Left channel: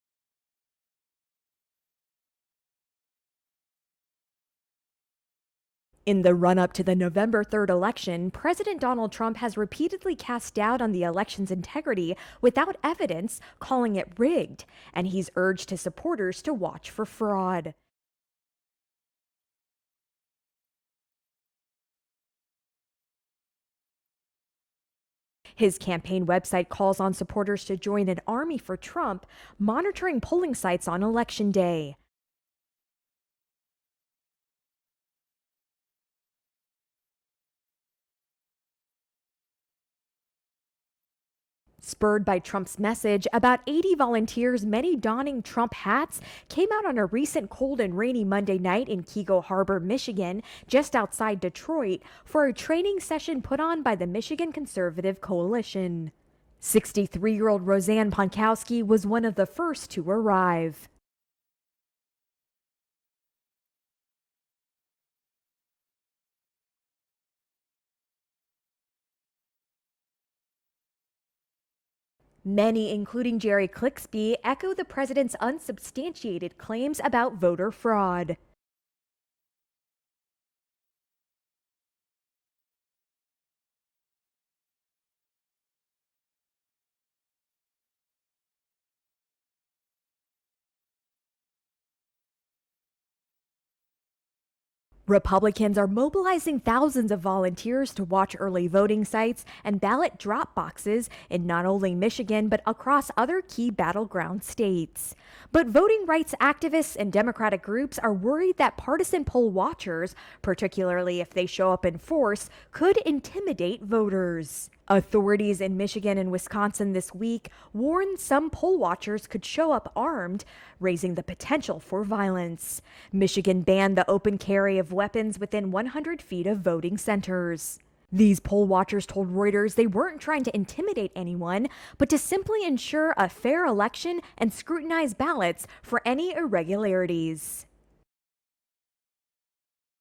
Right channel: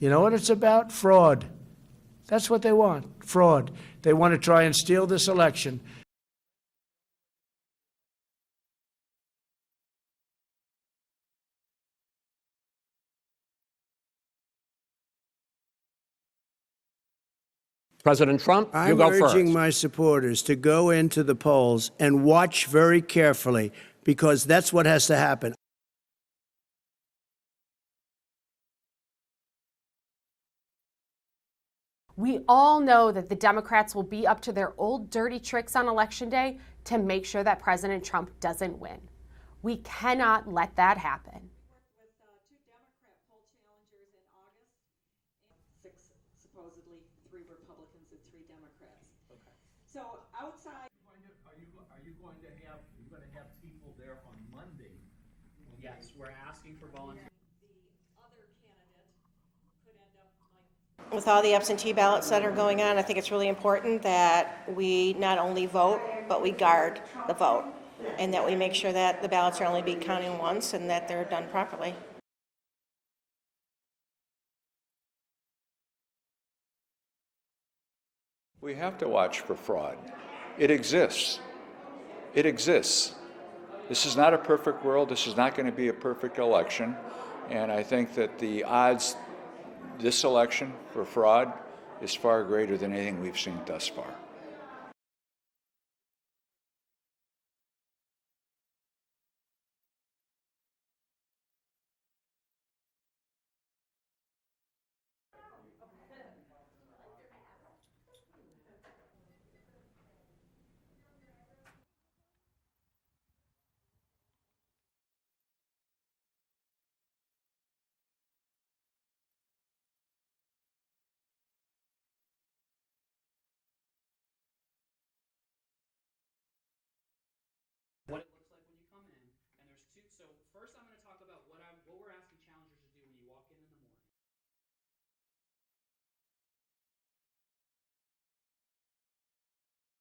You know what it's about? Fraud. That's what they want, fraud. They want to try and steal this election. In the run-up to the November 3rd election, President Donald Trump has repeatedly cast doubt on the election's integrity without evidence, calling it rigged, and he's urged his supporters to watch for fraud. President Trump, you go first. I'm urging my supporters to go into the polls and watch very carefully, because that's what has to happen. His campaign website calls on supporters to join an army for Trump, monitoring polling sites on Election Day. We all know that the Democrats will be up to their old dirty tricks on Election Day to make sure that President Trump doesn't win. We cannot let that happen. Spurred by Trump's message, about 80 volunteers, many donning Trump hats, came out on a recent cold and rainy Monday night in Keego Harbor, Michigan, just outside Detroit, for a training session put on by the Michigan Conservative Coalition. 63-year-old Roseanne Ponkowski was one of the first to arrive. With all the absentee ballots that are going on, I think it's really important that we not only vote, but we guard the vote, and that we make sure that the ballots are only being counted once and that they're done properly. Many, including Jerry Clixby, echo the president's unsubstantiated claims about voter fraud. We have to watch for fraud. It exists. It exists. This is not a perfect world. This is not going to be a perfect election. And I think that the odds this election for fraud is far greater than anything we've seen thus far. Republicans are mobilizing thousands of volunteers to watch early voting sites and ballot drop boxes in not only Michigan, but across other key battleground states. But voting rights activists and Democratic groups are worried that partisan poll watchers, particularly if they show up in force, could intimidate voters. Authorities in Michigan and Wisconsin this week warned some poll watchers could show up armed, raising the potential for violence. Michigan banned the open carry of weapons within 100 feet of voting centers. These poll watchers told Reuters they weren't trying to intimidate anyone, but to simply ensure a fair election and scrutinize ballots for any irregularities.